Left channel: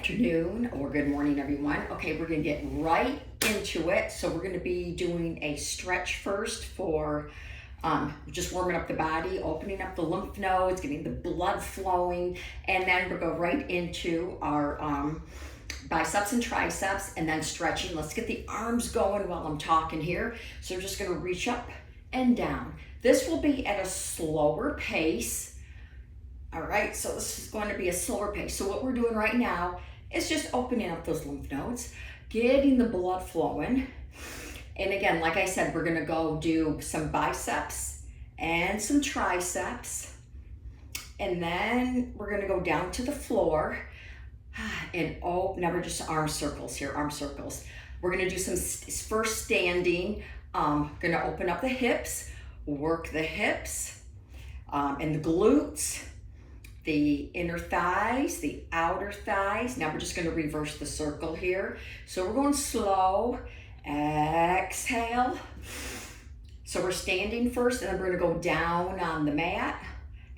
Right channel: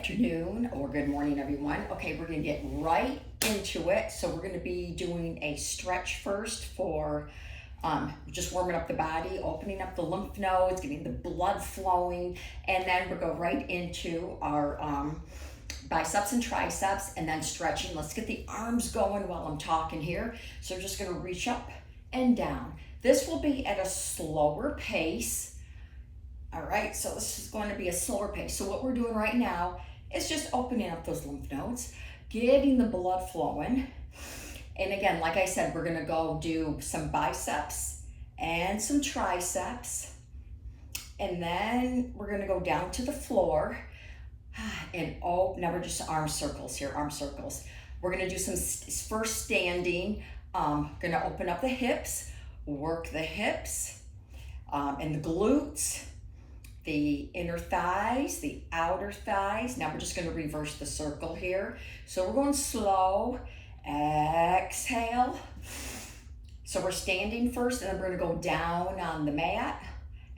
afternoon or good morning, everyone. Okay, we're gonna get right into it. So we're gonna be doing a stretch first for just warming up the body, opening up the lymph nodes, getting the blood flowing, and then we'll go right into our biceps and triceps, and then stretching. Let's get the arms going while I'm talking here. So we're just gonna reach up and down. This will be at a slower pace. All right, so this is going to be a slower pace. So what we're doing right now is just opening up those lymph nodes, getting the blood flowing. And again, like I said, we're gonna go do some biceps and some triceps. And then we're gonna go down to the floor and now we're just arm circles here, arm circles. We're gonna do some first standing, gonna open up the hips, work the hips and the glutes, the inner thighs, the outer thighs. Now we're just gonna reverse the circle here. So we're going slow, exhale. So we're standing first, and then we're gonna go down on the mat.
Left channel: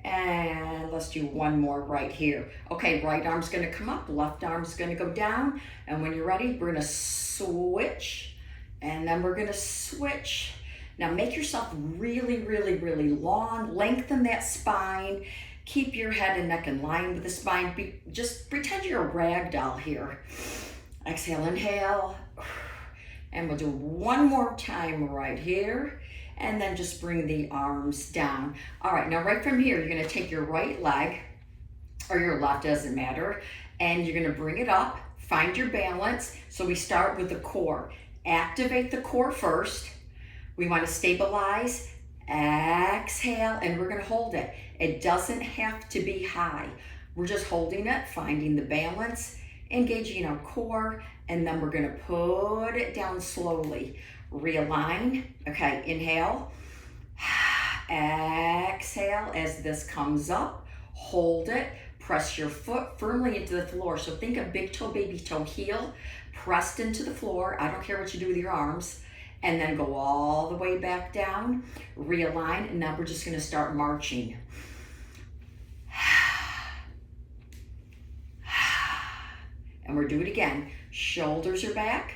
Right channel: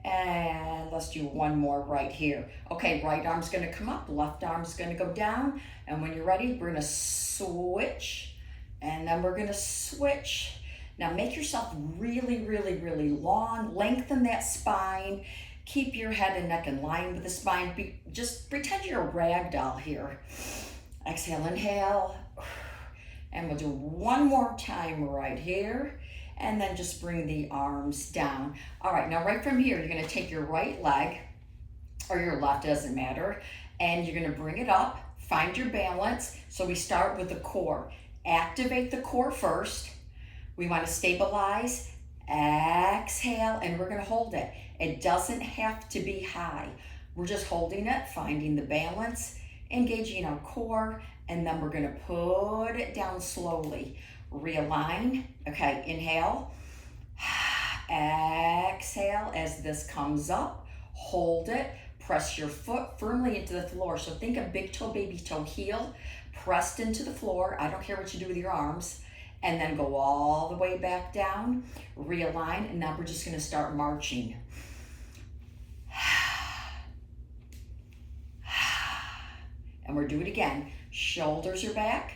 And let's do one more right here. Okay, right arm's gonna come up, left arm's gonna go down. And when you're ready, we're gonna switch, and then we're gonna switch. Now make yourself really, really, really long, lengthen that spine. Keep your head and neck in line with the spine. Just pretend you're a rag doll here. Exhale, inhale. And we'll do one more time right here. And then just bring the arms down. All right, now right from here, you're gonna take your right leg, or your left, doesn't matter. And you're gonna bring it up, find your balance. So we start with the core. Activate the core first. We wanna stabilize, exhale, and we're gonna hold it. It doesn't have to be high. We're just holding it, finding the balance, engaging our core, and then we're gonna put it down slowly. Realign, okay, inhale, exhale as this comes up, hold it, press your foot firmly into the floor. So think of big toe, baby toe, heel, pressed into the floor. I don't care what you do with your arms. And then go all the way back down, realign, and now we're just gonna start marching. And we're doing it again. Shoulders are back,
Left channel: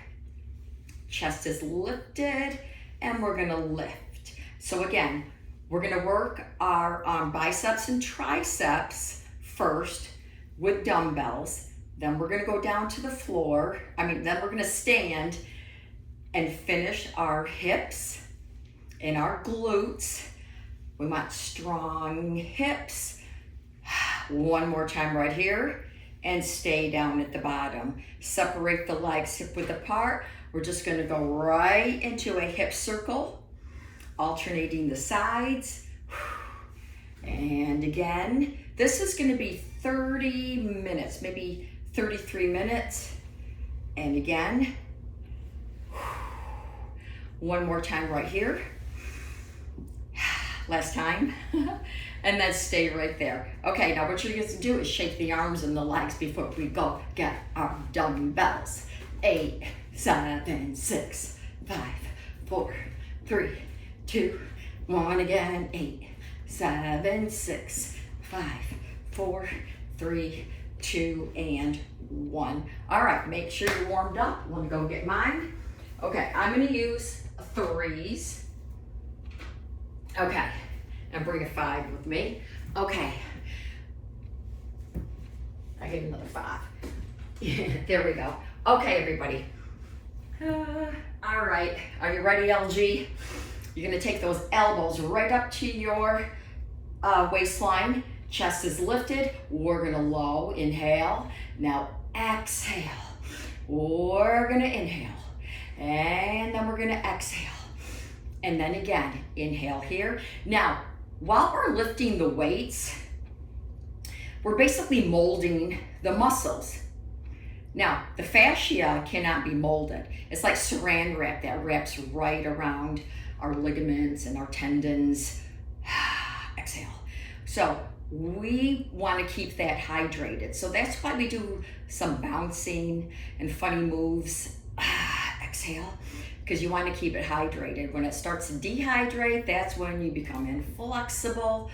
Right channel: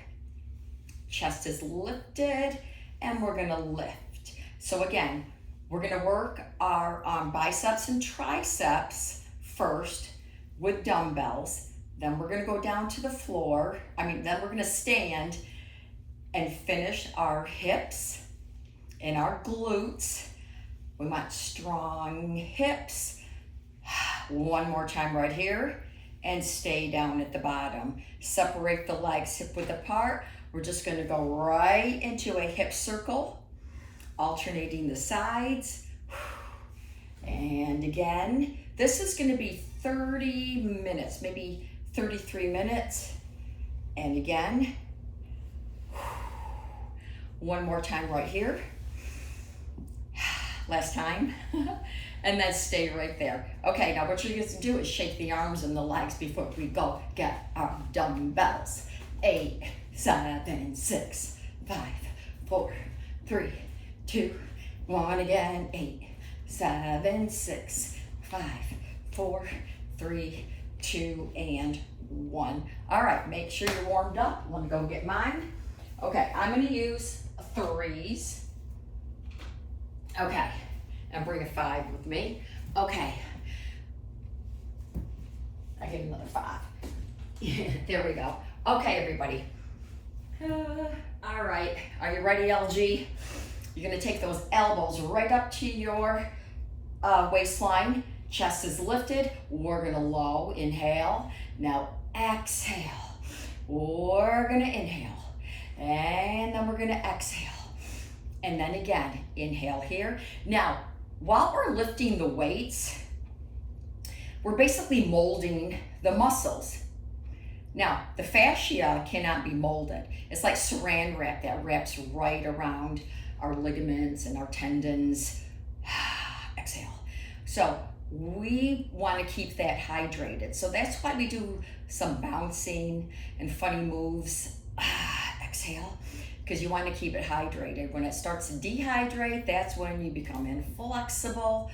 chest is lifted, and we're gonna lift. So again, we're gonna work our biceps and triceps first with dumbbells. Then we're gonna go down to the floor. Then we're gonna stand and finish our hips and our glutes. We want strong hips. One more time right here, and stay down at the bottom. Separate the legs hip width apart. We're just gonna go right into a hip circle, alternating the sides. And again, this is gonna be 30 minutes, maybe 33 minutes. And again, one more time right here. Last time. And then stay right there. Okay, now what you're going to do is shake the arms and the legs before we go get our dumbbells. 8, 7, 6, 5, 4, 3, 2, 1 again. 8, 7, 6, 5, 4, 3, 2, and 1. All right, make sure you're warmed up. Let me go get mine. Okay, I'm gonna use 3s. Okay, and bring a 5 with me. Okay, I get another 5. There we go. Okay, everybody. All right, are you ready, LG? You're gonna take those elbows right up to your waistline. Chest is lifted. We're gonna low, inhale. Now exhale. We're gonna inhale. And then we're gonna exhale. And then again, inhale here. Now, while we're lifting the weights, we're basically molding the muscles. Now, the fascia cannot be molded. It's like saran wrap that wraps right around our ligaments and our tendons. Exhale. So we want to keep that hydrated. So that's why we do some bouncing and funny moves. Exhale, because you want to keep it hydrated. When it starts to dehydrate, that's when you become inflexible.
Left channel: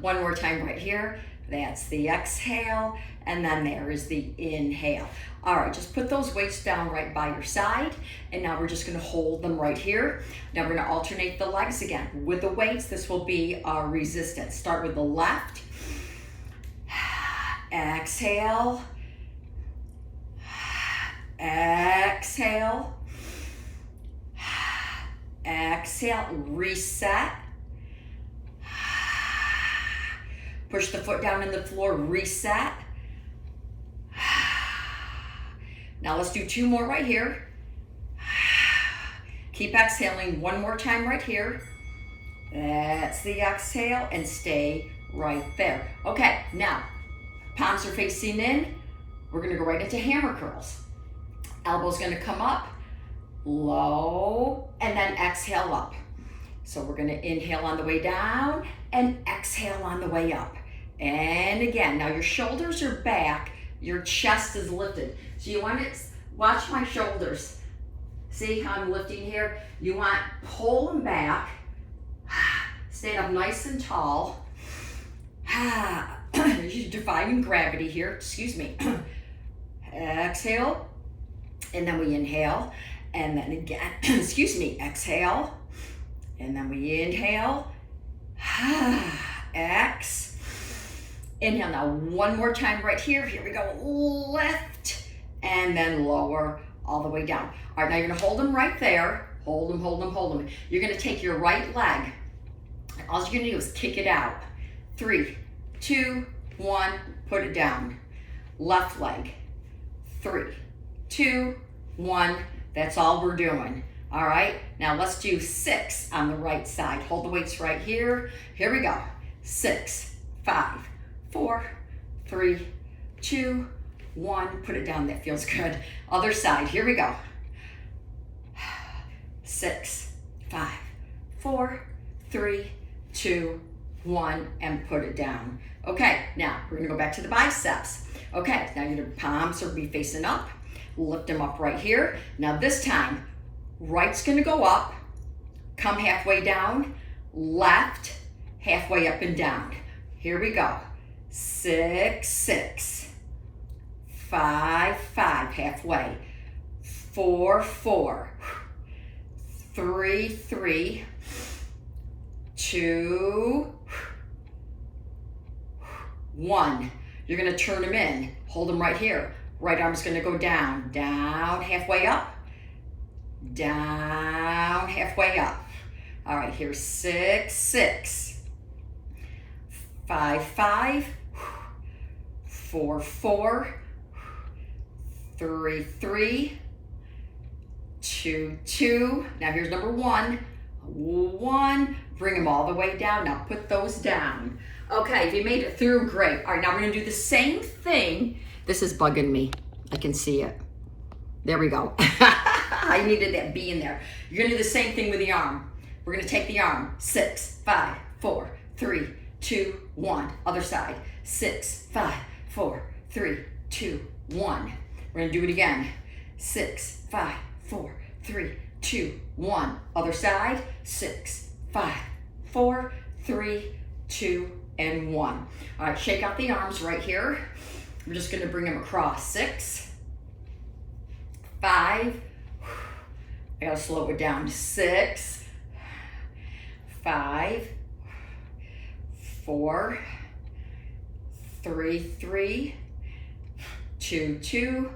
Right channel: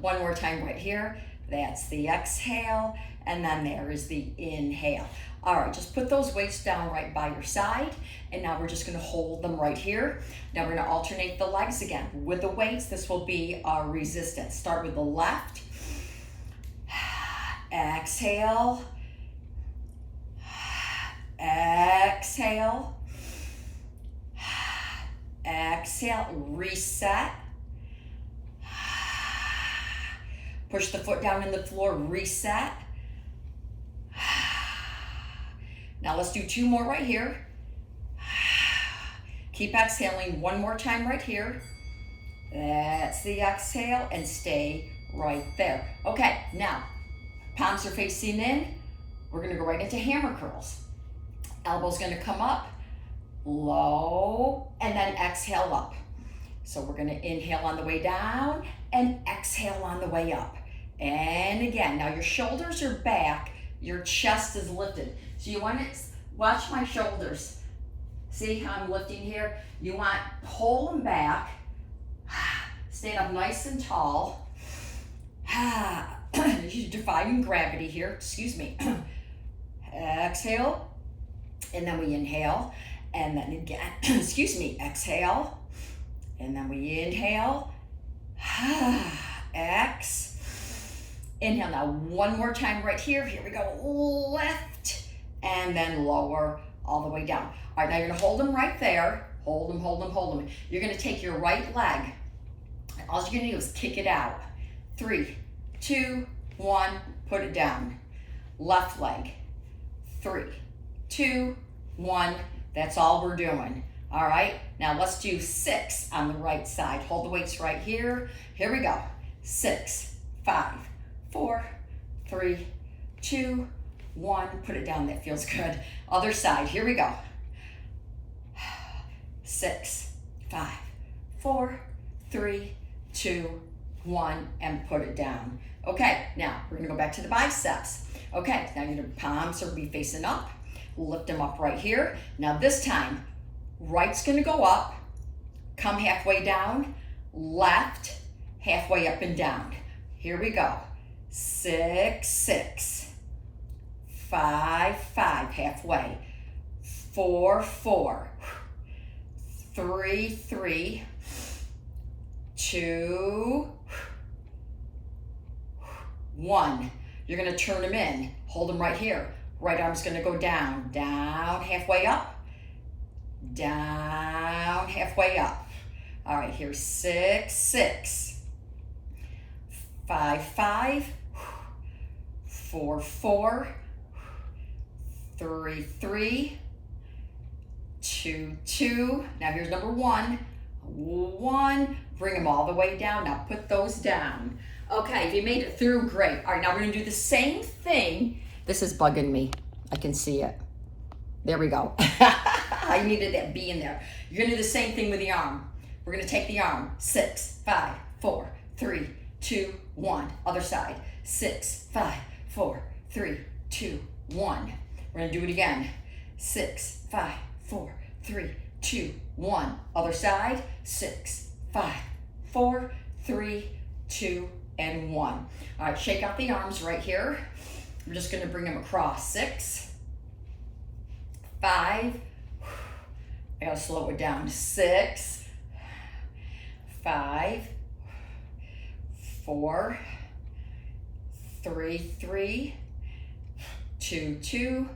One more time right here. That's the exhale, and then there is the inhale. All right, just put those weights down right by your side, and now we're just gonna hold them right here. Now we're gonna alternate the legs again. With the weights, this will be our resistance. Start with the left. Exhale. Exhale. Exhale, reset. Push the foot down in the floor, reset. Now let's do 2 more right here. Keep exhaling 1 more time right here. That's the exhale, and stay right there. Okay, now, palms are facing in. We're gonna go right into hammer curls. Elbow's gonna come up, low, and then exhale up. So we're gonna inhale on the way down and exhale on the way up. And again, now your shoulders are back, your chest is lifted. So you want to watch my shoulders. See how I'm lifting here? You want to pull them back, stand up nice and tall. You're defying gravity here, excuse me. Exhale, and then we inhale, and then again, excuse me, exhale, and then we inhale, inhale. Now 1 more time right here. Here we go, lift, and then lower all the way down. All right, now you're gonna hold them right there. Hold them, hold them, hold them. You're gonna take your right leg, and all you're gonna do is kick it out. 3, 2, 1, put it down. Left leg, 3, 2, 1, that's all we're doing. All right, now let's do 6 on the right side. Hold the weights right here. Here we go. 6, 5, 4, 3, 2, 1. Put it down, that feels good. Other side, here we go. 6, 5, 4, 3, 2, 1, and put it down. Okay, now we're gonna go back to the biceps. Okay, now your palms are be facing up. Lift them up right here. Now this time, right's gonna go up, come halfway down, left, halfway up and down. Here we go. 6, 6, 5, 5, halfway. 4, 4, 3, 3, 2, 1. You're gonna turn them in. Hold them right here. Right arm's gonna go down, down, halfway up, down, halfway up. All right, here's 6, 6, 5, 5, 4, 4, 3, 3, 2, 2. Now here's number 1, 1. Bring them all the way down. Now put those down. Okay, if you made it through, great. All right, now we're gonna do the same thing. This is bugging me. I can see it. There we go. I needed that B in there. You're gonna do the same thing with the arm. We're gonna take the arm. 6, 5, 4, 3, 2, 1. Other side. 6, 5, 4, 3, 2, 1. We're gonna do it again. 6, 5, 4, 3, 2, 1. Other side. 6, 5, 4, 3, 2, and 1. All right, shake out the arms right here. I'm just gonna bring them across. 6, 5, I gotta slow it down. 6, 5, 4, 3, 3, 2, 2,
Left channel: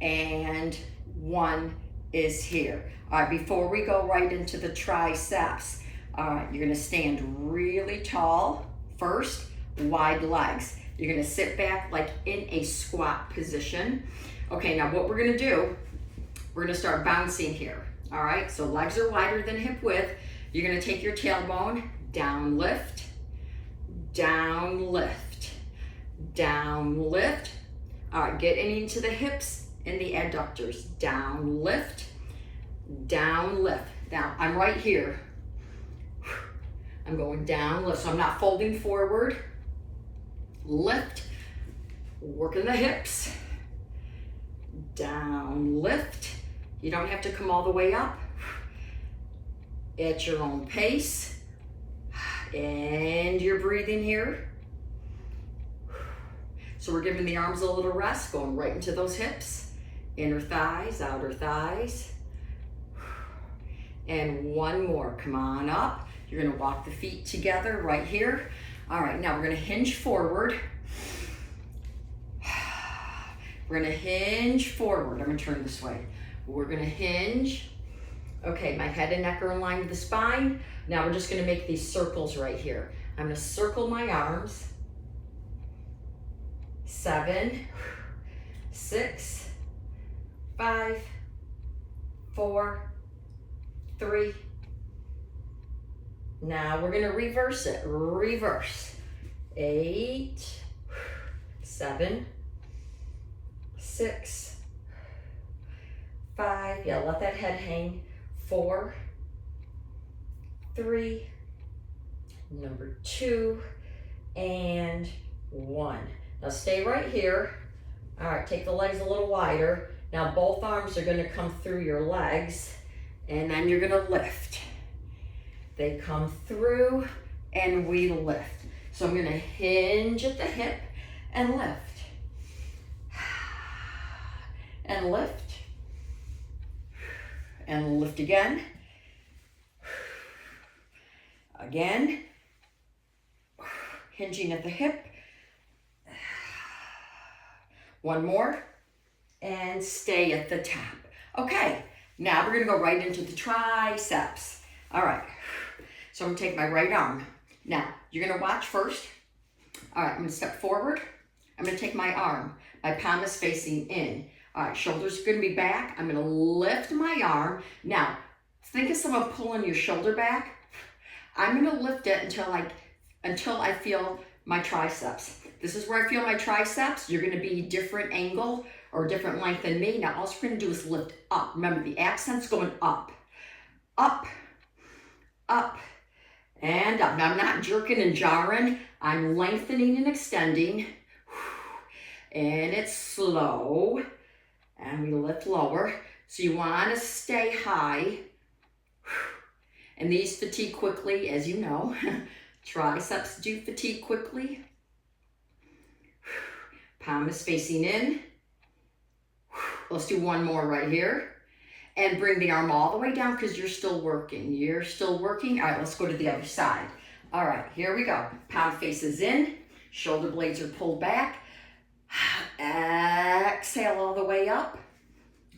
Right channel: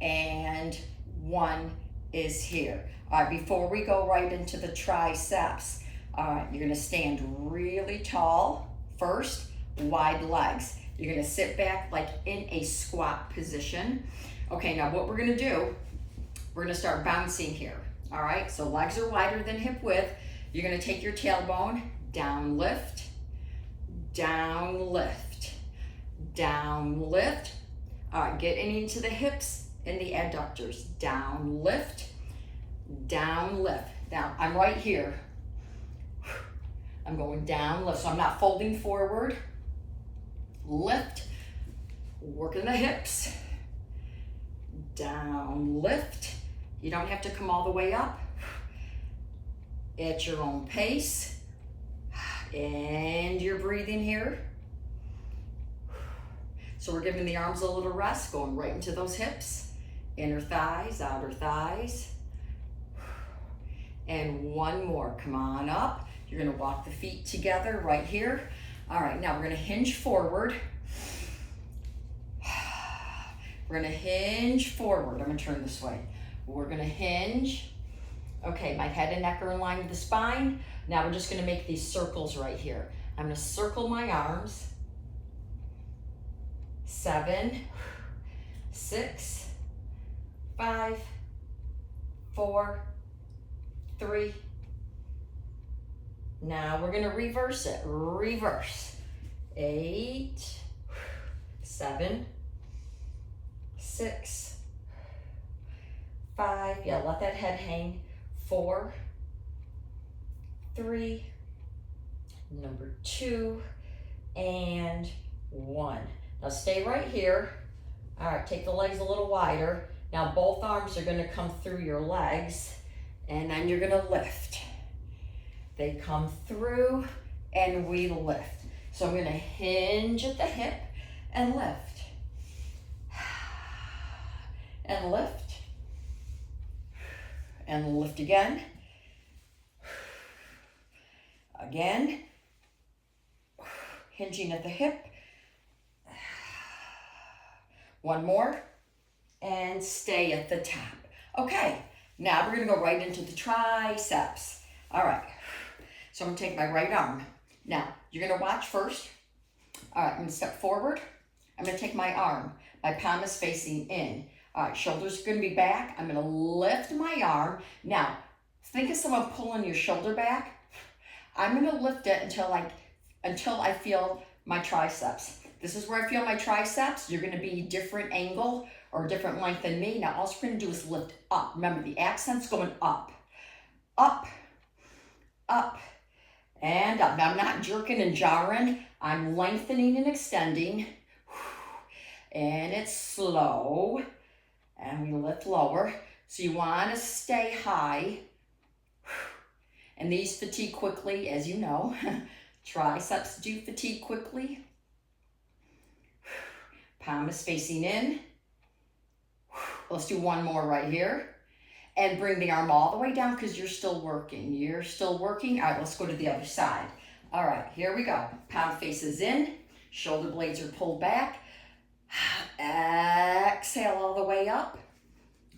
and 1 is here. All right, before we go right into the triceps, all right, you're gonna stand really tall first, wide legs. You're gonna sit back like in a squat position. Okay, now what we're gonna do, we're gonna start bouncing here. All right, so legs are wider than hip width. You're gonna take your tailbone, down lift, down lift, down lift. All right, get into the hips and the adductors. Down lift, down lift. Now I'm right here. I'm going down lift, so I'm not folding forward. Lift, working the hips. Down lift. You don't have to come all the way up. At your own pace. And you're breathing here. So we're giving the arms a little rest, going right into those hips, inner thighs, outer thighs. And one more, come on up. You're gonna walk the feet together right here. All right, now we're gonna hinge forward. We're gonna hinge forward. I'm gonna turn this way. We're gonna hinge. Okay, my head and neck are in line with the spine. Now we're just gonna make these circles right here. I'm gonna circle my arms. 7, 6, 5, 4, 3. Now we're gonna reverse it. Reverse. 8, 7, 6, 5. Yeah, let that head hang. 4, 3, number 2, and 1. Now stay right here. All right, take the legs a little wider. Now both arms are gonna come through your legs, and then you're gonna lift. They come through, and we lift. So I'm gonna hinge at the hip and lift. And lift. And lift again. Again. Hinging at the hip. One more. And stay at the top. Okay, now we're gonna go right into the triceps. All right, so I'm gonna take my right arm. Now, you're gonna watch first. All right, I'm gonna step forward. I'm gonna take my arm. My palm is facing in. All right, shoulders are gonna be back. I'm gonna lift my arm. Now, think of someone pulling your shoulder back. I'm gonna lift it until I feel my triceps. This is where I feel my triceps. You're gonna be different angle or different length than me. Now, all we're gonna do is lift up. Remember, the accent's going up, up, up, and up. Now, I'm not jerking and jarring. I'm lengthening and extending. And it's slow. And we lift lower. So you want to stay high. And these fatigue quickly, as you know. Triceps do fatigue quickly. Palm is facing in. Let's do one more right here. And bring the arm all the way down because you're still working. You're still working. All right, let's go to the other side. All right, here we go. Palm faces in. Shoulder blades are pulled back. Exhale all the way up.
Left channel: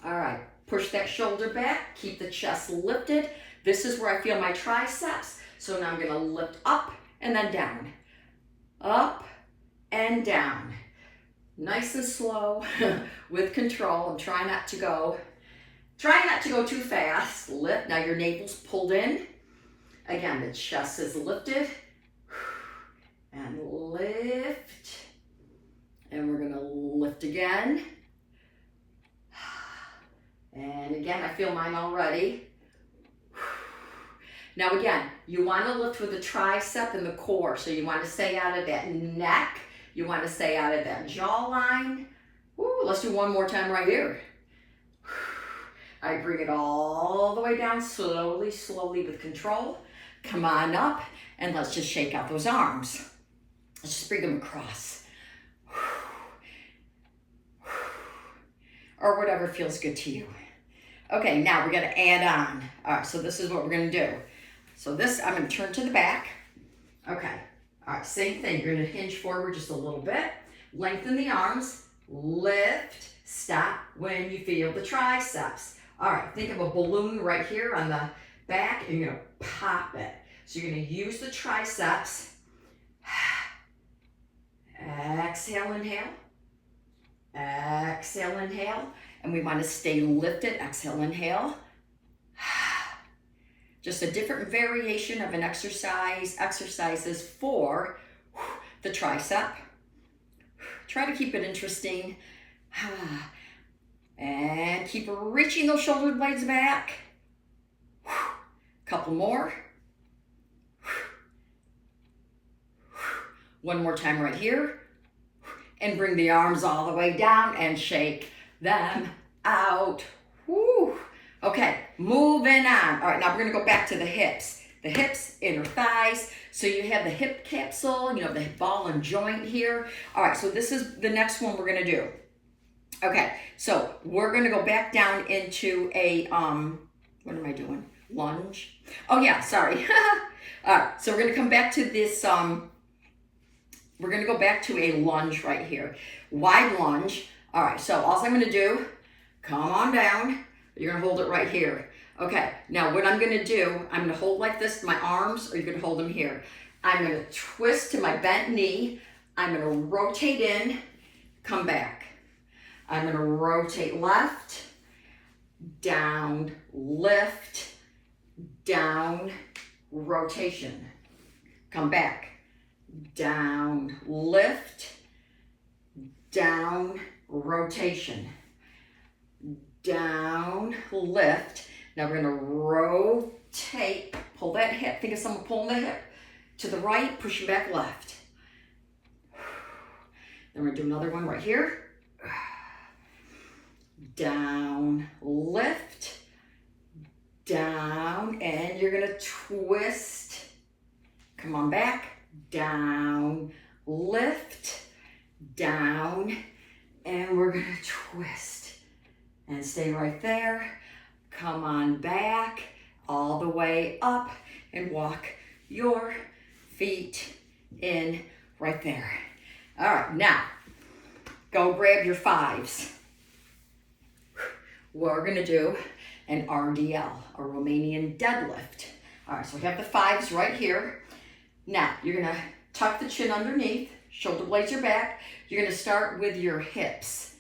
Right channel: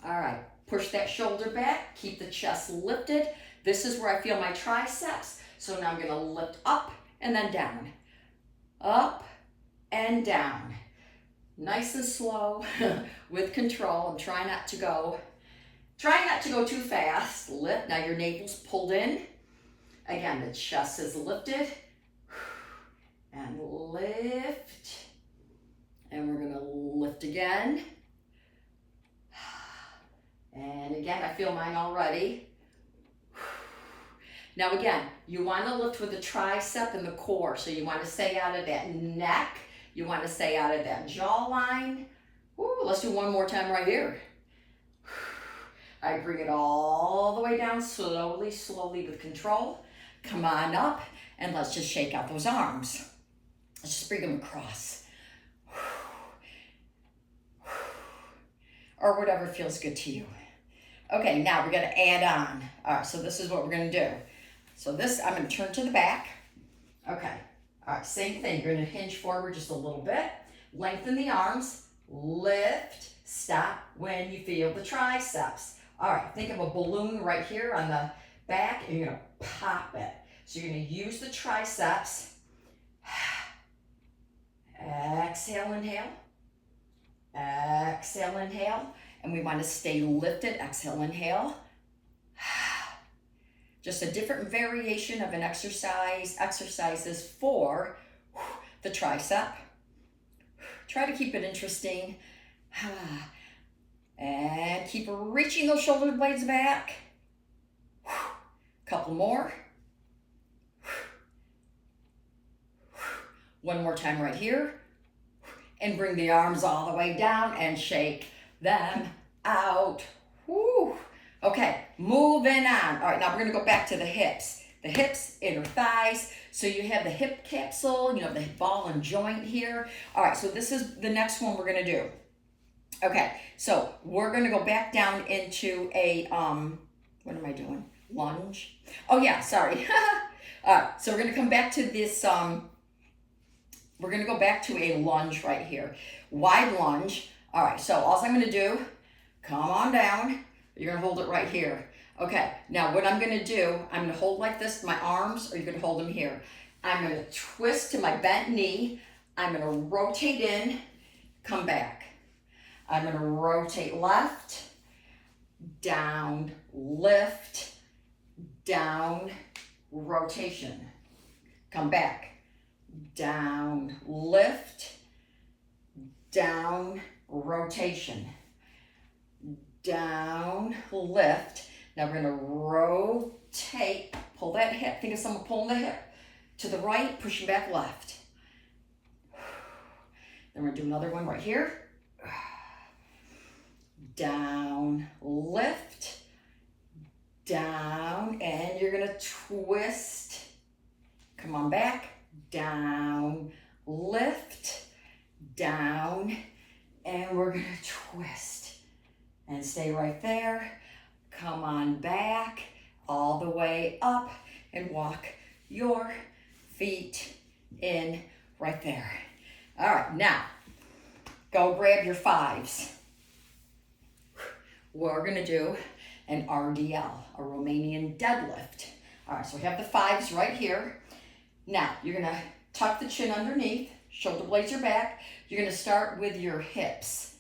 All right, push that shoulder back. Keep the chest lifted. This is where I feel my triceps. So now I'm gonna lift up and then down. Up and down. Nice and slow with control. I'm trying not to go too fast. Lift, now your navel's pulled in. Again, the chest is lifted. And lift. And we're gonna lift again. And again, I feel mine already. Now again, you wanna lift with the tricep and the core. So you wanna stay out of that neck. You wanna stay out of that jawline. Ooh, let's do one more time right here. I bring it all the way down, slowly, slowly with control. Come on up, and let's just shake out those arms. Let's just bring them across. Or whatever feels good to you. Okay, now we're gonna add on. All right, so this is what we're gonna do. So this, I'm gonna turn to the back. Okay, all right, same thing. You're gonna hinge forward just a little bit. Lengthen the arms, lift, stop when you feel the triceps. All right, think of a balloon right here on the back, and you're gonna pop it. So you're gonna use the triceps. Exhale, inhale. Exhale, inhale. And we want to stay lifted. Exhale, inhale. Just a different variation of an exercises for the tricep. Try to keep it interesting. And keep reaching those shoulder blades back. Couple more. One more time right here. And bring the arms all the way down and shake them out. Woo. Okay, moving on. All right, now we're gonna go back to the hips. The hips, inner thighs. So you have the hip capsule, you know, the ball and joint here. All right, so this is the next one we're gonna do. Okay, so we're gonna go back down into a, what am I doing? Lunge. Oh yeah, sorry. All right, so we're gonna come back to this, we're gonna go back to a lunge right here. Wide lunge. All right, so all I'm gonna do, come on down. You're gonna hold it right here. Okay, now what I'm gonna do, I'm gonna hold like this, my arms, or you're gonna hold them here. I'm gonna twist to my bent knee. I'm gonna rotate in, come back. I'm gonna rotate left, down, lift, down, rotation. Come back, down, lift, down, rotation. Down, lift. Now we're gonna rotate, pull that hip, think of someone pulling the hip to the right, pushing back left. Then we're gonna do another one right here. Down, lift, down, and you're gonna twist. Come on back, down, lift, down, and we're gonna twist. And stay right there. Come on back, all the way up, and walk your feet in right there. All right, now, go grab your fives. We're gonna do an RDL, a Romanian deadlift. All right, so we have the fives right here. Now, you're gonna tuck the chin underneath, shoulder blades are back. You're gonna start with your hips,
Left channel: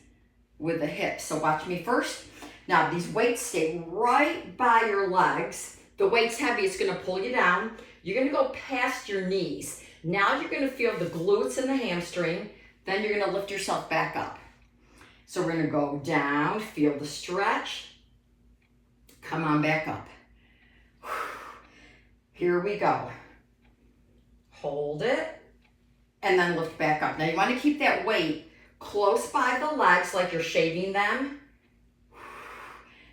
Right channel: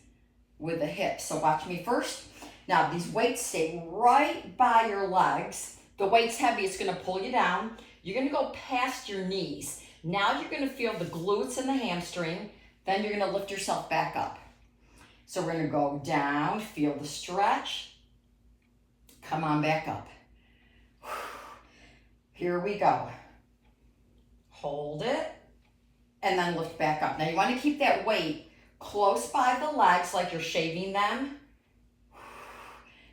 with the hips. So watch me first. Now, these weights stay right by your legs. The weight's heavy, it's gonna pull you down. You're gonna go past your knees. Now you're gonna feel the glutes and the hamstring. Then you're gonna lift yourself back up. So we're gonna go down, feel the stretch. Come on back up. Here we go. Hold it, and then lift back up. Now you wanna keep that weight close by the legs like you're shaving them.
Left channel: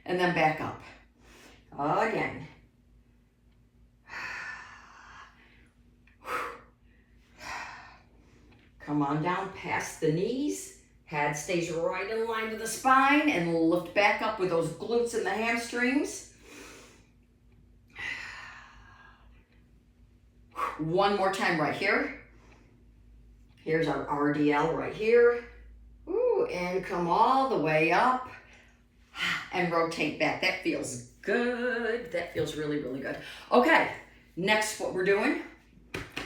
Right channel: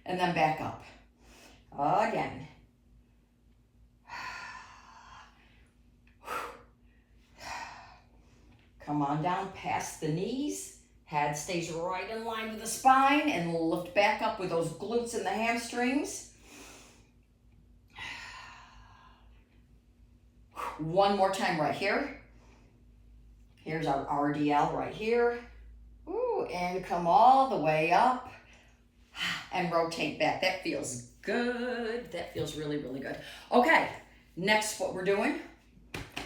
And then back up. Again. Come on down past the knees. Head stays right in line with the spine, and lift back up with those glutes and the hamstrings. One more time right here. Here's our RDL right here. Ooh, and come all the way up and rotate back. That feels good. That feels really, really good. Okay, next what we're doing,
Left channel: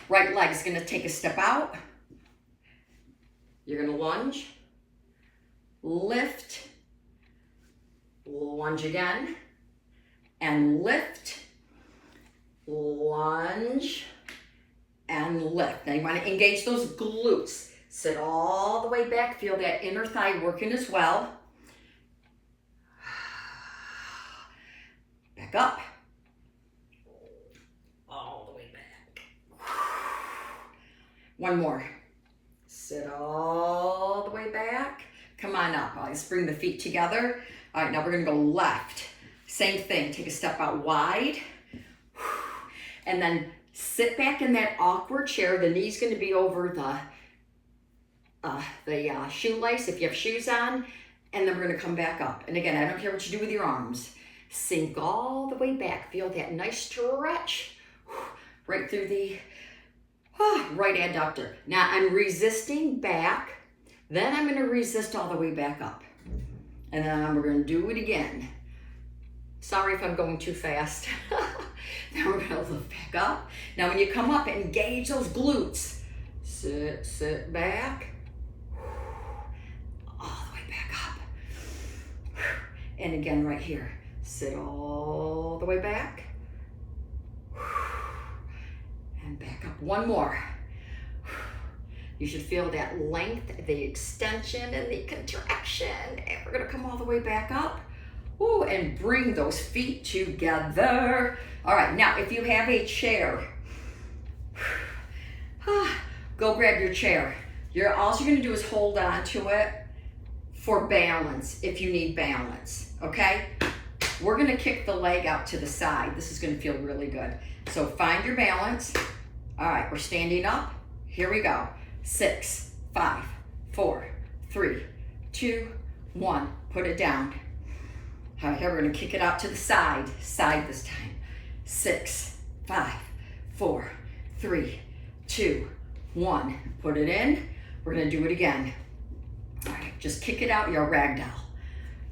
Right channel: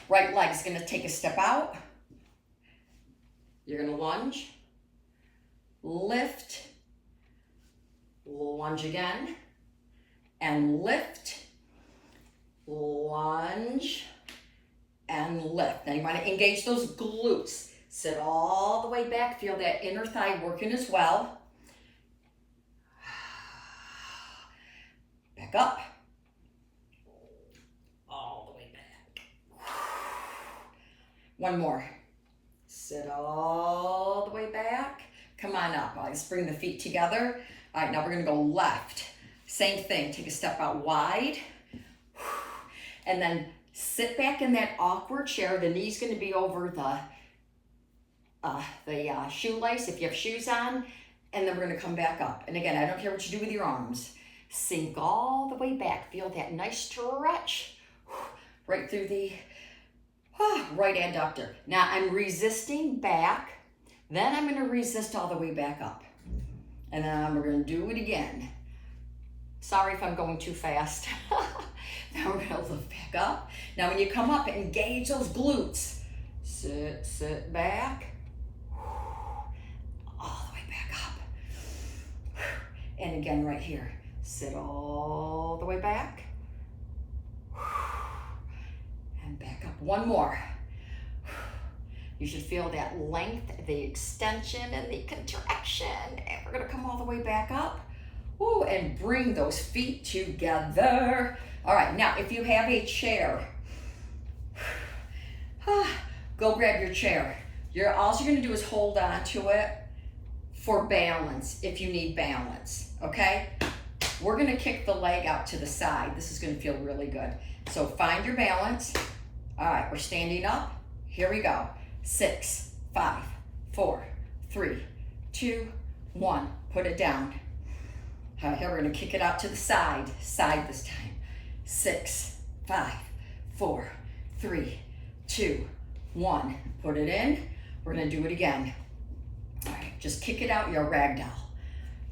right leg is gonna take a step out. You're gonna lunge, lift, lunge again, and lift, lunge, and lift. Now you wanna engage those glutes. Sit all the way back, feel that inner thigh working as well. Back up. All the way back. One more. Sit all the way back. Come on up. Let's bring the feet together. All right, now we're gonna go left. Same thing, take a step out wide. And then sit back in that awkward chair. The knee's gonna be over the shoelace if you have shoes on. And then we're gonna come back up. And again, I don't care what you do with your arms. Sink all the way back. Feel that nice stretch right through the right adductor. Now I'm resisting back. Then I'm going to resist all the way back up. And then we're going to do it again. Sorry if I'm going too fast. Now we're going to lift back up. Now when you come up, engage those glutes. Sit back. All the way back up. And again right here. Sit all the way back. And back up. One more. You should feel that length, the extension, and the contraction. And we're gonna come all the way back up. Ooh, and bring those feet together. All right, now if you have a chair, go grab your chair. All you're gonna do is hold on to it for balance if you need balance, okay? We're gonna kick the leg out to the side. This is gonna feel really good. So find your balance, All right, we're standing up. Here we go. 6, 5, 4, 3, 2, 1. Put it down. All right, here we're gonna kick it out to the side. Side this time. 6, 5, 4, 3, 2, 1. Put it in. We're gonna do it again. All right, just kick it out, your ragdoll.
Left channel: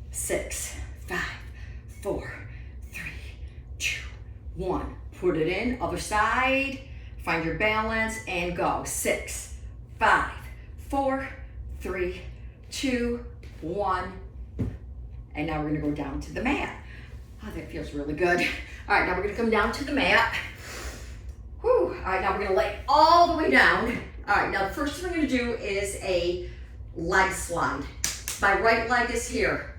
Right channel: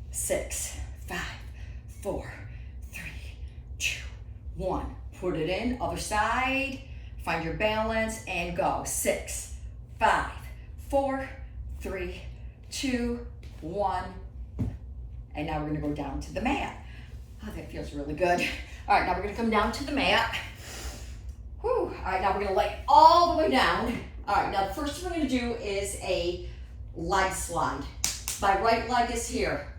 6, 5, 4, 3, 2, 1. Put it in, other side. Find your balance and go. 6, 5, 4, 3, 2, 1. And now we're gonna go down to the mat. Oh, that feels really good. All right, now we're gonna come down to the mat. Whew. All right, now we're gonna lay all the way down. All right, now the first thing we're gonna do is a leg slide. My right leg is here.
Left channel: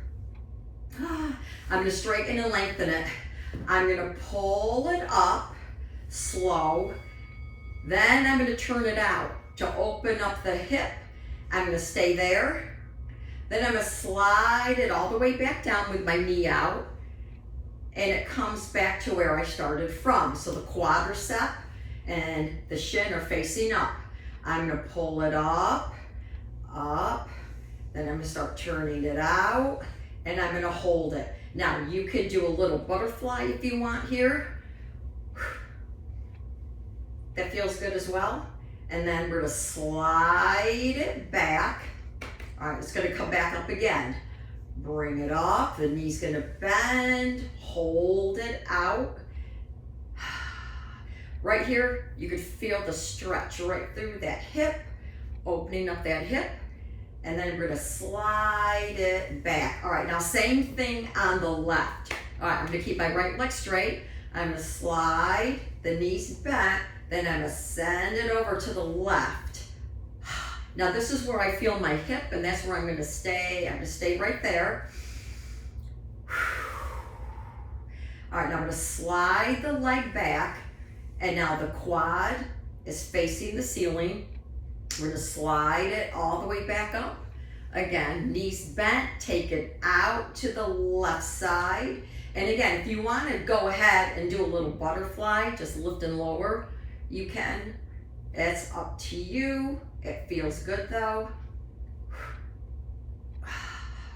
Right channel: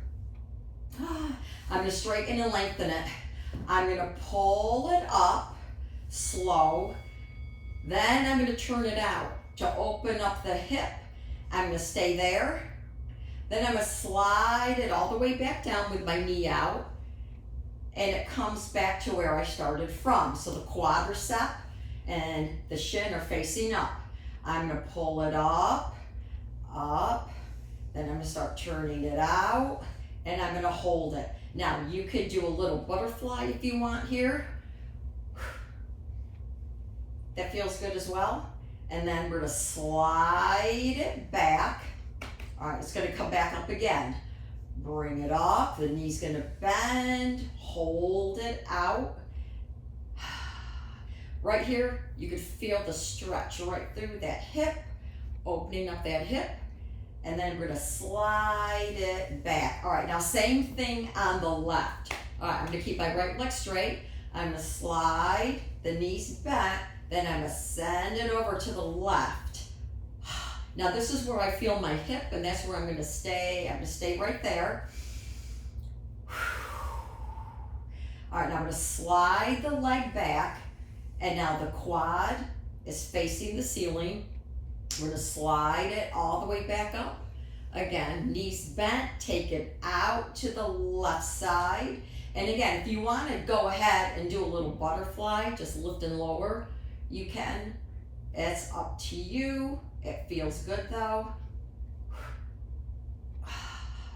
I'm gonna straighten and lengthen it. I'm gonna pull it up, slow. Then I'm gonna turn it out to open up the hip. I'm gonna stay there. Then I'm gonna slide it all the way back down with my knee out. And it comes back to where I started from. So the quadricep and the shin are facing up. I'm gonna pull it up, up. Then I'm gonna start turning it out. And I'm gonna hold it. Now you could do a little butterfly if you want here. That feels good as well. And then we're gonna slide it back. All right, it's gonna come back up again. Bring it up, the knee's gonna bend, hold it out. Right here, you can feel the stretch right through that hip, opening up that hip. And then we're gonna slide it back. All right, now same thing on the left. All right, I'm gonna keep my right leg straight. I'm gonna slide, the knees back, then I'm gonna send it over to the left. Now this is where I feel my hip, and that's where I'm gonna stay. I'm gonna stay right there. All right, now I'm gonna slide the leg back, and now the quad is facing the ceiling. We're gonna slide it all the way back up. Again, knees bent, take it out to the left side. And again, if you wanna go ahead and do a little butterfly, just lift and lower, you can. It's up to you. It feels good though.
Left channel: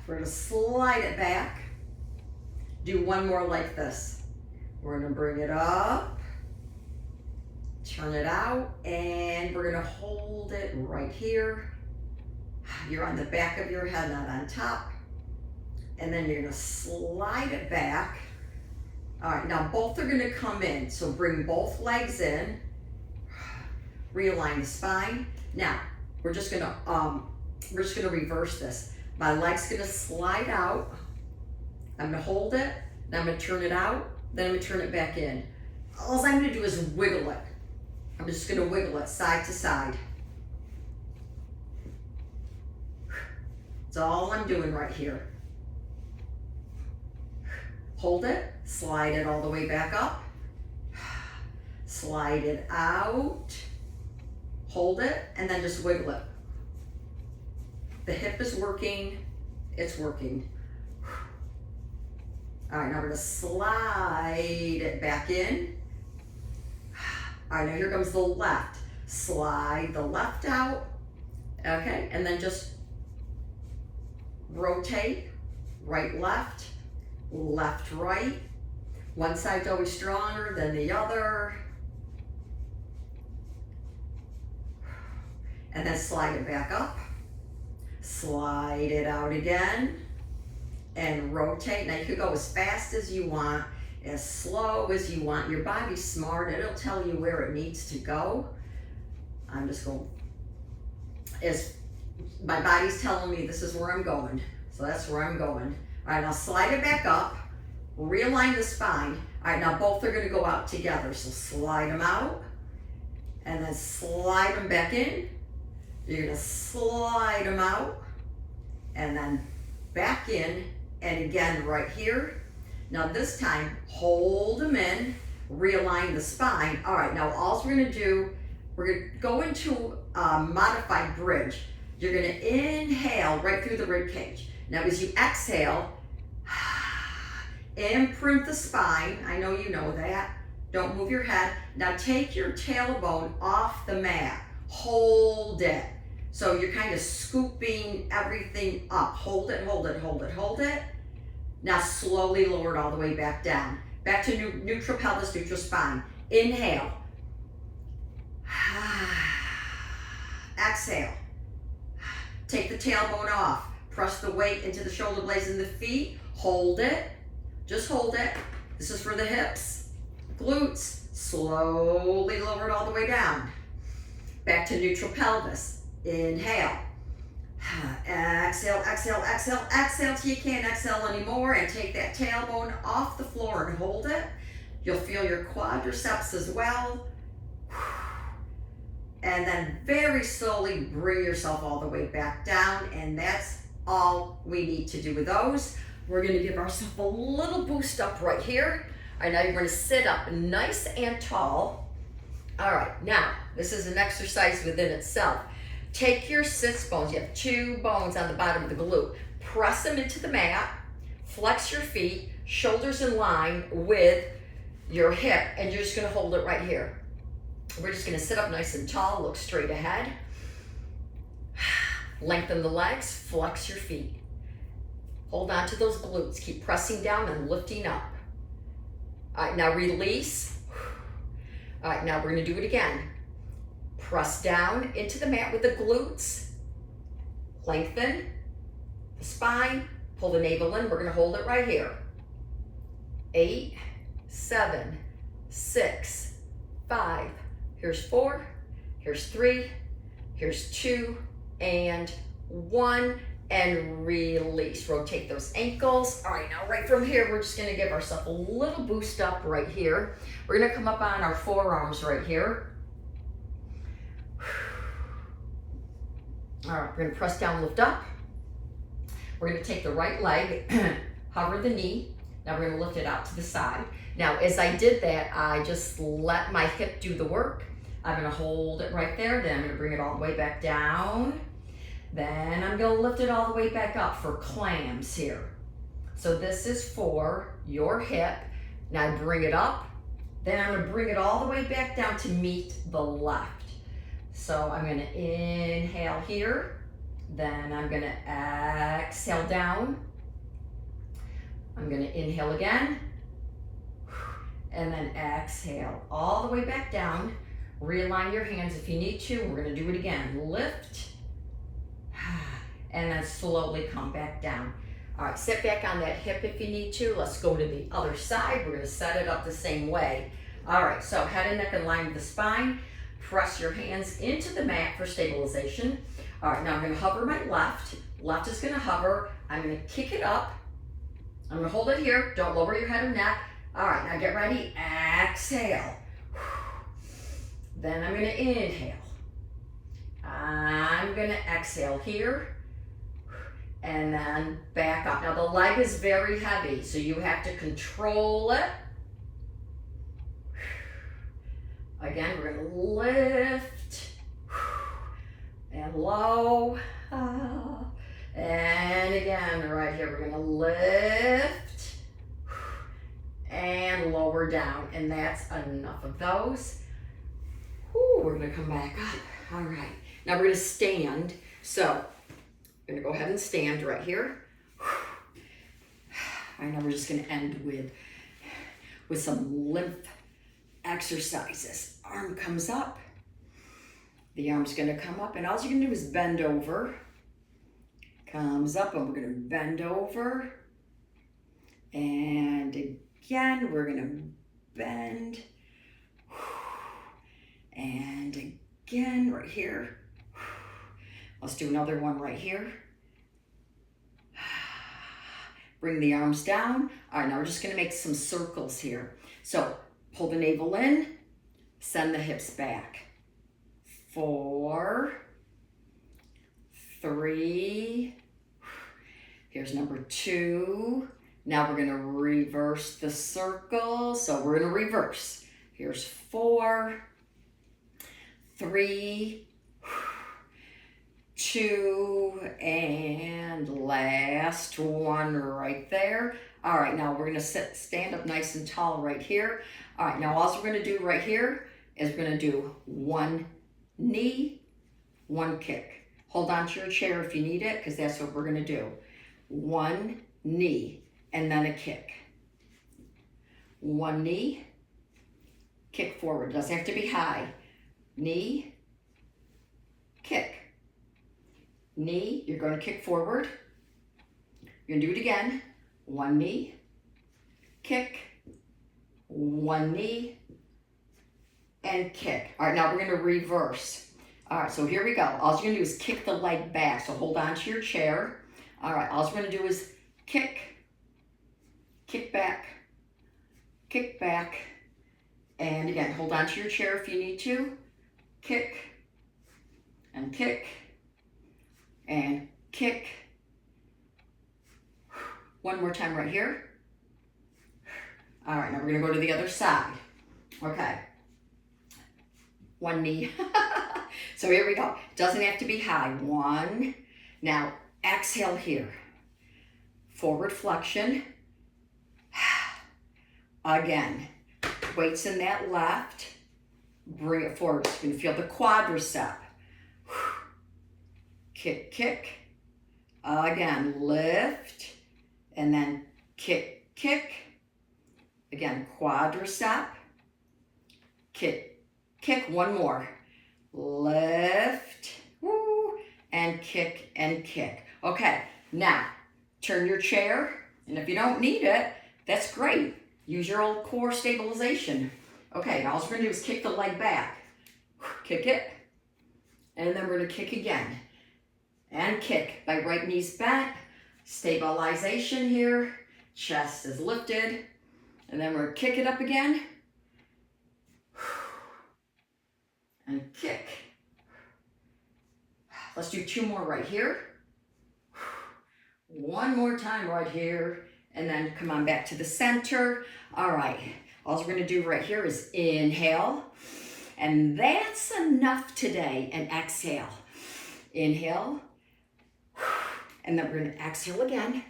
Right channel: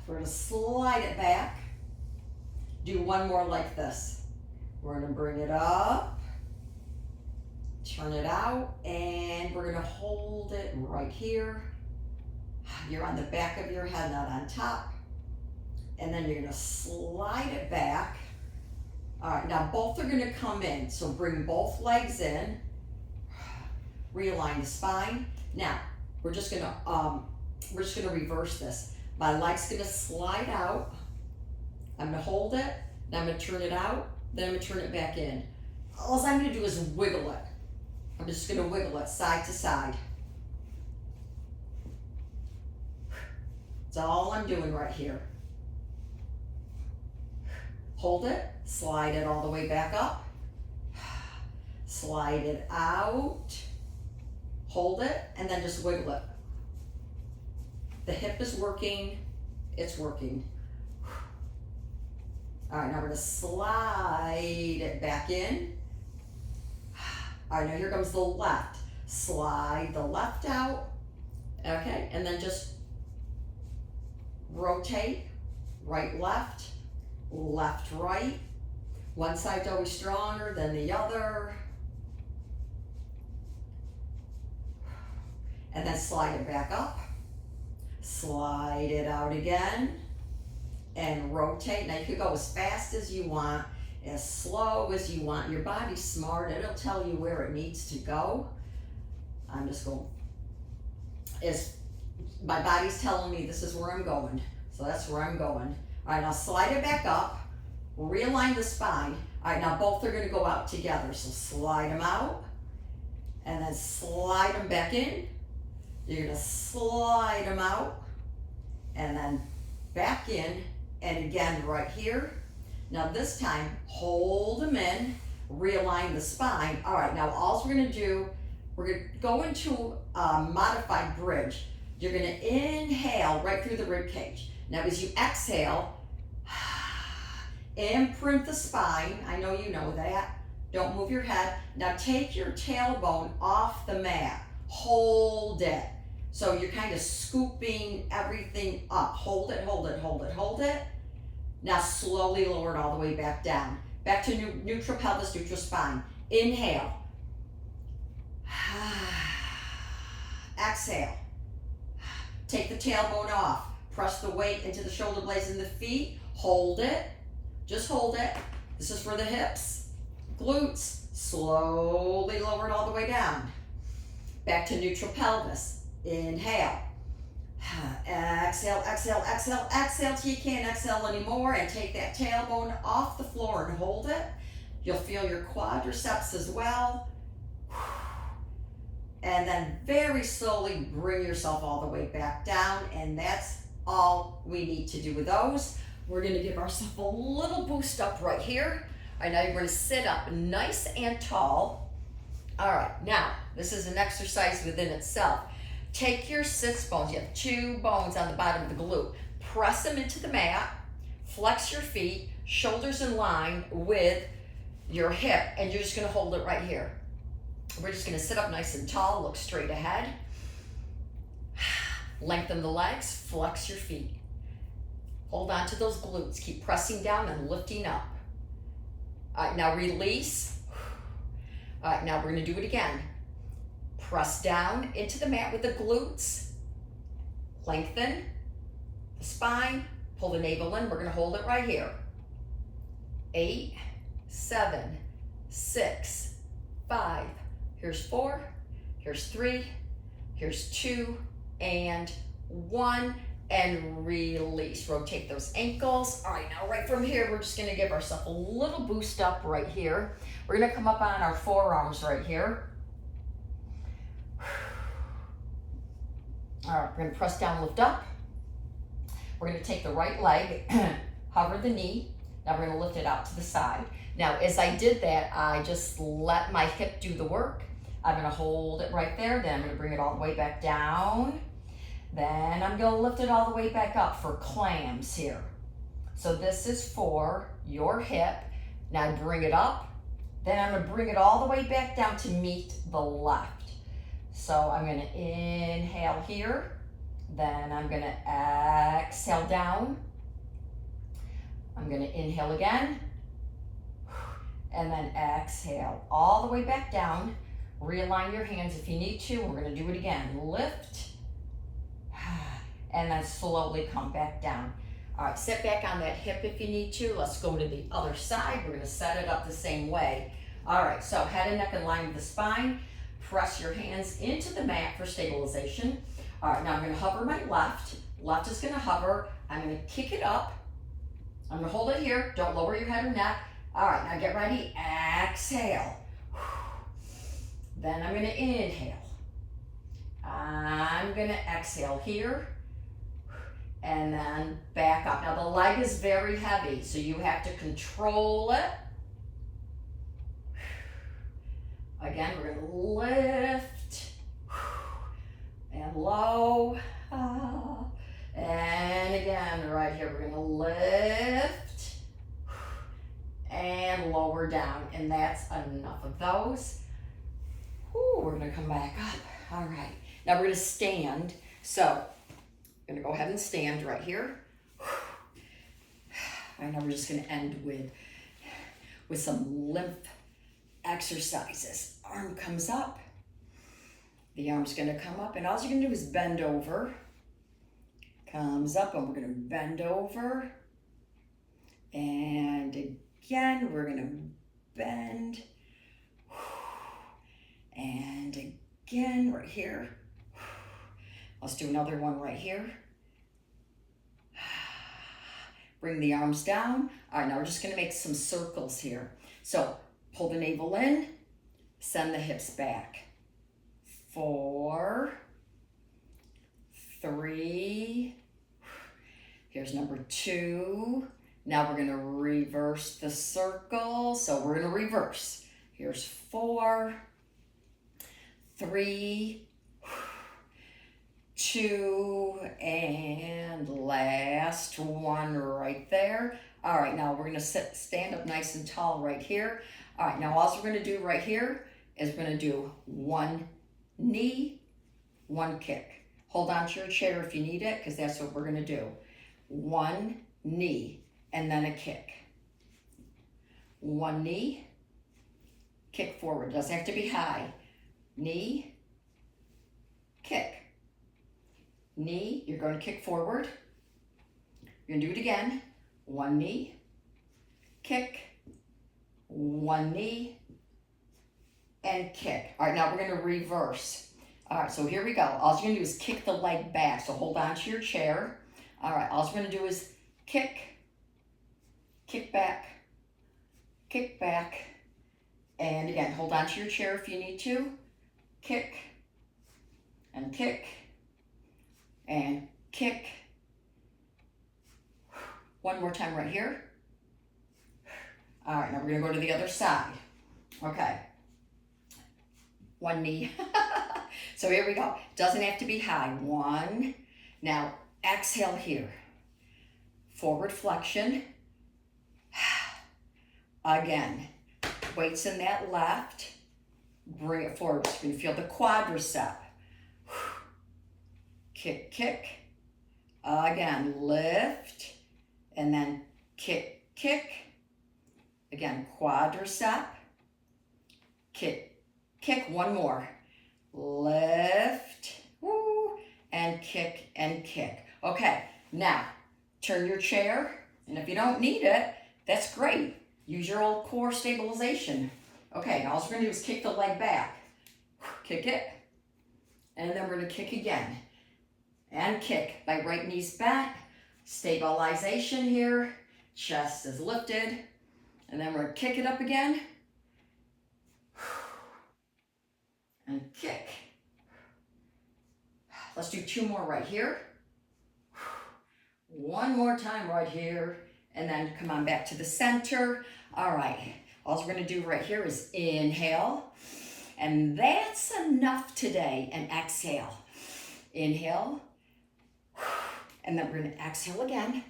We're gonna slide it back. Do one more like this. We're gonna bring it up, turn it out, and we're gonna hold it right here. You're on the back of your head, not on top. And then you're gonna slide it back. All right, now both are gonna come in. So bring both legs in. Realign the spine. Now, we're just gonna reverse this. My leg's gonna slide out. I'm gonna hold it, then I'm gonna turn it out, then I'm gonna turn it back in. All I'm gonna do is wiggle it. I'm just gonna wiggle it side to side. That's all I'm doing right here. Hold it, slide it all the way back up. Slide it out. Hold it, and then just wiggle it. The hip is working, it's working. All right, now we're gonna slide it back in. All right, now here comes the left. Slide the left out, okay, and then just rotate, right, left, right. One side's always stronger than the other. And then slide it back up, slide it out again, and rotate. Now you can go as fast as you want, as slow as you want. Your body's smart, it'll tell you where it needs to go. I'm just going, as my body's telling me this is where I'm going, so that's where I'm going. All right, now slide it back up, realign the spine. All right, now both are gonna go out together, so slide them out, and then slide them back in. You're gonna slide them out and then back in, and again right here. Now this time, hold them in, realign the spine. All right, now all we're gonna do, we're gonna go into a modified bridge. You're gonna inhale right through the rib cage. Now as you exhale, imprint the spine. I know you know that. Don't move your head. Now take your tailbone off the mat. Hold it. So you're kind of scooping everything up. Hold it, hold it, hold it, hold it. Now slowly lower it all the way back down. Back to neutral pelvis, neutral spine. Inhale. Exhale. Take the tailbone off. Press the weight into the shoulder blades and the feet. Hold it. Just hold it. This is for the hips, glutes. Slowly lower it all the way down. Back to neutral pelvis. Inhale. Exhale, exhale, exhale, exhale till you can't exhale anymore, and take that tailbone off the floor and hold it. You'll feel your quadriceps as well. And then very slowly bring yourself all the way back down, and that's all we need to do with those. We're gonna give ourselves a little boost up right here. All right, now you're gonna sit up nice and tall. All right, now this is an exercise within itself. Take your sits bones, you have 2 bones on the bottom of the glute. Press them into the mat, flex your feet, shoulders in line with your hip, and you're just gonna hold it right here. We're just gonna sit up nice and tall, look straight ahead. Lengthen the legs, flex your feet. Hold on to those glutes, keep pressing down and lifting up. All right, now release. All right, now we're gonna do it again. Press down into the mat with the glutes. Lengthen the spine, pull the navel in. We're gonna hold it right here. 8, 7, 6, 5. Here's 4, here's 3, here's 2, and 1, and release. Rotate those ankles. All right, now right from here, we're just gonna give ourselves a little boost up right here. We're gonna come up on our forearms right here. All right, we're gonna press down, lift up. We're gonna take the right leg, hover the knee. Now we're gonna lift it out to the side. Now, as I did that, I just let my hip do the work. I'm gonna hold it right there, then I'm gonna bring it all the way back down. Then I'm gonna lift it all the way back up for clams here. So this is for your hip. Now bring it up. Then I'm gonna bring it all the way back down to meet the left. So I'm gonna inhale here. Then I'm gonna exhale down. I'm gonna inhale again. And then exhale all the way back down. Realign your hands if you need to. We're gonna do it again. Lift. And then slowly come back down. All right, sit back on that hip if you need to. Let's go to the other side. We're gonna set it up the same way. All right, so head and neck in line with the spine. Press your hands into the mat for stabilization. All right, now I'm gonna hover my left. Left is gonna hover. I'm gonna kick it up. I'm gonna hold it here. Don't lower your head or neck. All right, now get ready. Exhale. Then I'm gonna inhale. I'm gonna exhale here. And then back up. Now the leg is very heavy, so you have to control it. Again, we're gonna lift and low. And again, right here, we're gonna lift and lower down. And that's enough of those. Whew, we're gonna come back up. All right, now we're gonna stand. So I'm gonna go ahead and stand right here. And now we're just gonna end with some lymph exercises. Arm comes up. The arm's gonna come up, and all you're gonna do is bend over. Comes up, and we're gonna bend over. And again, we're gonna bend. And again, right here. Let's do another one right here. Bring the arms down. All right, now we're just gonna make some circles here. So pull the navel in, send the hips back. 4, 3, here's number 2. Now we're gonna reverse the circle. So we're gonna reverse. Here's 4, 3, 2, and last one right there. All right, now we're gonna stand up nice and tall right here. All right, now all we're gonna do right here is we're gonna do one knee, one kick. Hold on to your chair if you need it, because that's what we're gonna do. One knee, and then a kick. One knee, kick forward. Doesn't have to be high. Knee, kick. Knee, you're gonna kick forward. You're gonna do it again. One knee, kick, one knee, and kick. All right, now we're gonna reverse. All right, so here we go. All you're gonna do is kick the leg back. So hold on to your chair. All right, all you're gonna do is kick, kick back, and again, hold on to your chair if you need to. Kick, and kick, and kick. One more time right here. All right, now we're gonna go to the other side. Okay. One knee. So here we go. Doesn't have to be high. One. Now exhale here. Forward flexion. Again. Weights in that left. Bring it forward. You can feel the quadricep. Kick, kick. Again, lift. And then kick, kick. Again, quadricep. Kick, kick. One more. Lift. Woo. And kick and kick. Okay, now turn your chair. And if you don't need it, that's great. Use your old core stabilization. Okay, now all we're going to do is kick the leg back. Kick it. And then we're going to kick again. And kick. My right knee's bent. Stabilization here. Chest is lifted. And then we're going to kick it up again. And kick. Let's do two more right here. One more time right here. And then come on back to the center. All right. All we're going to do right here is inhale. And that's enough today. And exhale. Inhale. And then we're going to exhale again.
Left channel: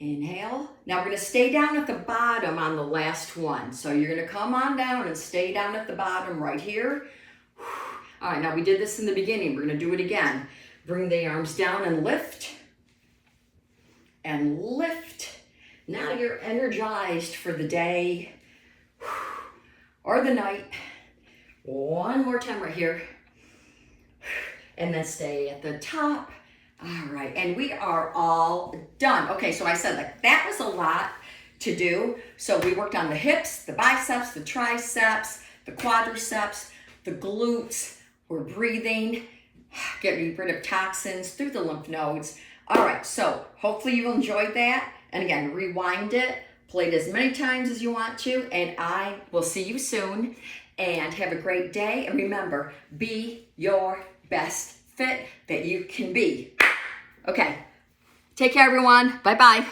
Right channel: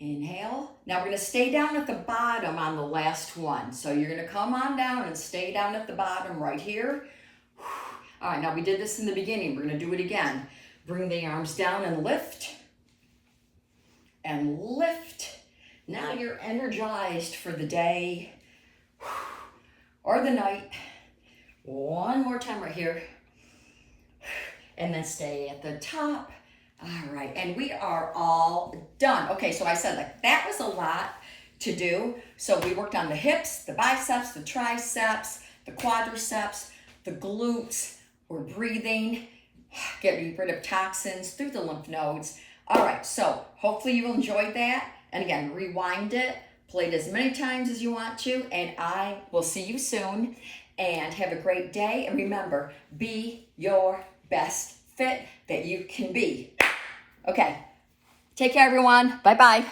Inhale. Now we're going to stay down at the bottom on the last one. So you're going to come on down and stay down at the bottom right here. All right, now we did this in the beginning. We're going to do it again. Bring the arms down and lift. And lift. Now you're energized for the day or the night. One more time right here. And then stay at the top. All right, and we are all done. Okay, so I said like that was a lot to do. So we worked on the hips, the biceps, the triceps, the quadriceps, the glutes. We're breathing, getting rid of toxins through the lymph nodes. All right, so hopefully you enjoyed that. And again, rewind it, play it as many times as you want to, and I will see you soon. And have a great day. And remember, be your best fit that you can be. Okay, take care everyone. Bye-bye.